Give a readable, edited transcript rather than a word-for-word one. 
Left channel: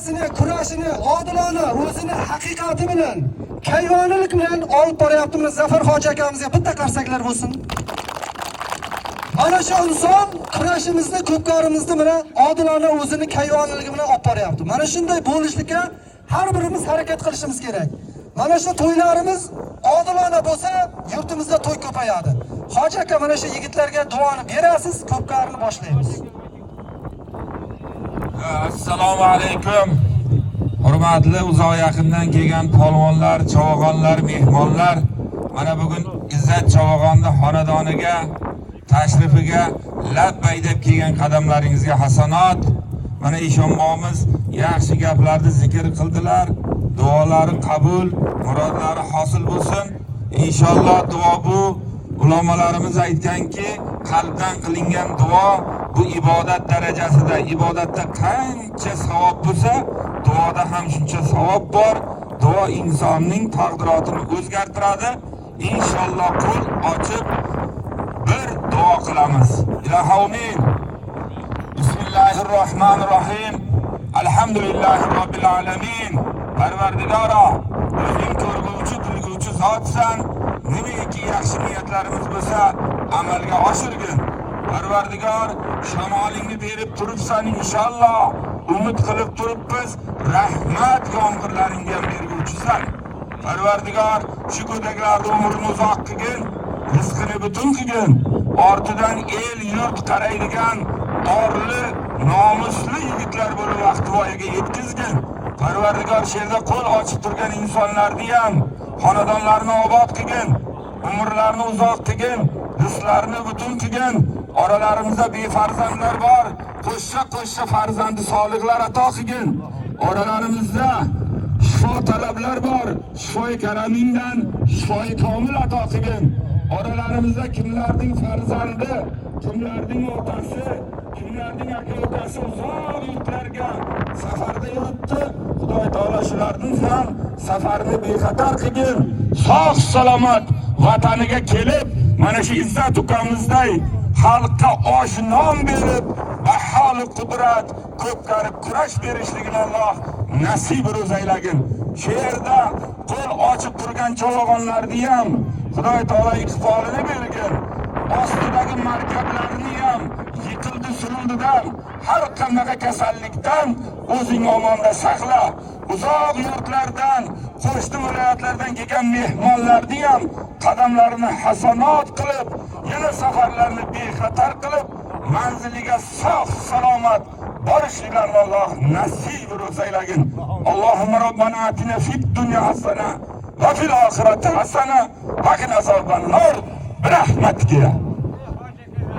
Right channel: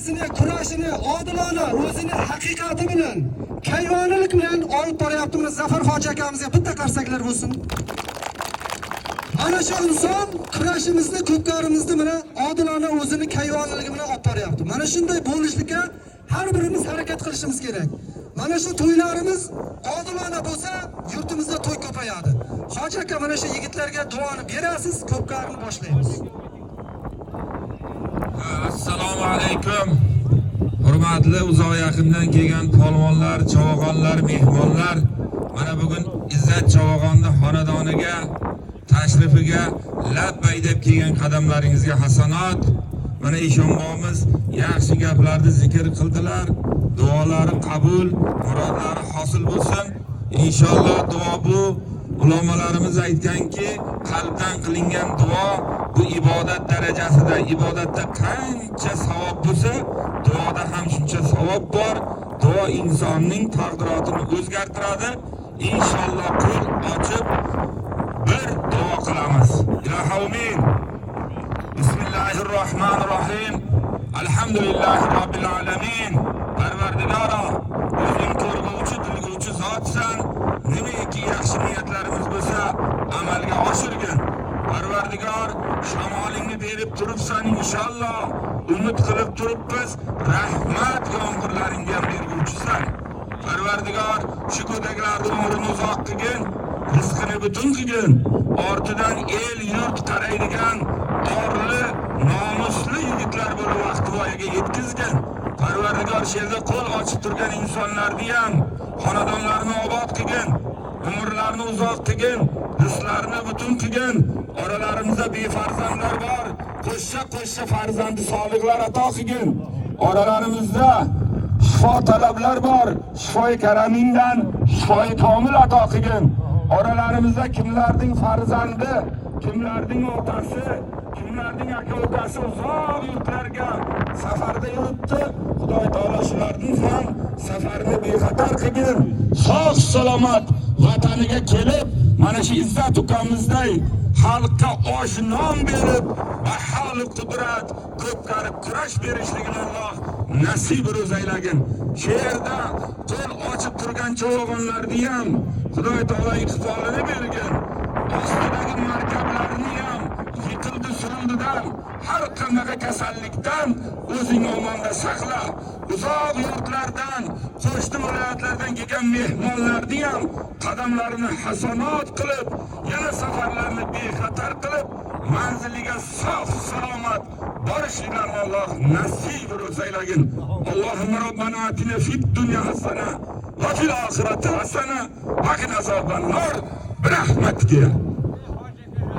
mücadelesini, kurashini odilona, o'zini haqiqati bilan, kayvonlik bilan olib boryapmiz. Zafar hoji akamizga bitta qarsaklar bo'lsin. Mana shu inson kurashimizni, ko'pkarimizni bilan odilona o'zini kayvonligi bilan olib boryapti. Mana shunday bo'lishlikka har birimiz harakat qilishimiz kerak. Mana shu to'ylarimiz odilona bo'lsa, yurtimizda to'y ko'payadi. Hoji aka mana shu yigitlarga duoni berasiz, ko'pkarni boshlaymiz. Assalomu alaykum. Hurmatli uzoq yaqindan kelgan polvonlar, chavog'onlar, mehmonlar, mana bugun Izzat Chavog'onni xonadoniga tashrifiga labbay deb kelgan qadamlaringizga hasanat. Mana eshonbomiz yaxshi gaplarni zikr qildilar. Duolari qabul, murodlari hosil bo'lsin. Inshaalloh duo bu ulamolarimiz aytganki, qalbdan qilingan duo bu ibodat darajasida, ibodatda qancha savob bo'lsa, duoda ham shuncha savob bor. Duo insonning taqdirotini o'zgartiradi. Inshaalloh qo'l ochib bir duo qilamiz. Ilohi Bismillahirrohmanirrohim. Alhamdulillahi robbil alamin. Parvardigoro, o'zing ko'rguvchi, bilguvchi zotsan. Nimaki yaxshi niyatlarimiz bo'lsa, amalga oshirgin. Parvardigor, shamolingni berib turibsan inshaalloh. Umid qilib turibmiz, rahmat yomg'irlaringga ham berguvchisan. Parvardigor, shu go'daklar umrini uzoq qilgin, rizqini butun qilgin. Ortidan el yurt qaraydigan orli, nomusli yigitlar bo'lib vaqt voyaga yetkazgin. Parvardigor, sherda qo'l ochib turgan insonlarni ham xonadonlarni obod qilgin, umrlarini uzoq qilgin, rizqlarini butun qilgin. Oralarimizda befarzandlar bor, qo'shcha farzandi solihlar ato qilgin. Oralarimizda shifo talablar bor, shifoi karamingdan shifoi komil ato qilgin. Oralarimizda kimlarning farzandi, kimlarning otasi, kimlarning aka-ukasi uzoq yurtlarga safarda yuribdi. Xudoy taolo shularning ham safarini bexatar qilgin. Sog' salomat vataniga kelib, mana shu Izzat ukamizday xalqqa osh non berib, baholi qudrat, ko'pkarib kurash berishligini Alloh nasib ro'zaylagin. Shu yerda qo'l ochib turgan chavog'onlarni ham Xudoy taolo iqbolini bergin. Ostidagi markablarni ham yiqildi-surildidan, har qanaqa kasallikdan o'zing omonda saqla. Uzoq yurtlardan, qo'shni viloyatlardan kelgan mehmonlarni ham qadamlarini hasanat qilib, yana safarlarni bexatar qilib, manziliga sog' salomat borishliklarini Alloh nasib ro'zaylagin. Allohumma robbana atina fid dunya hasana va fil oxirati hasana va qina azoban nar. Rahmatga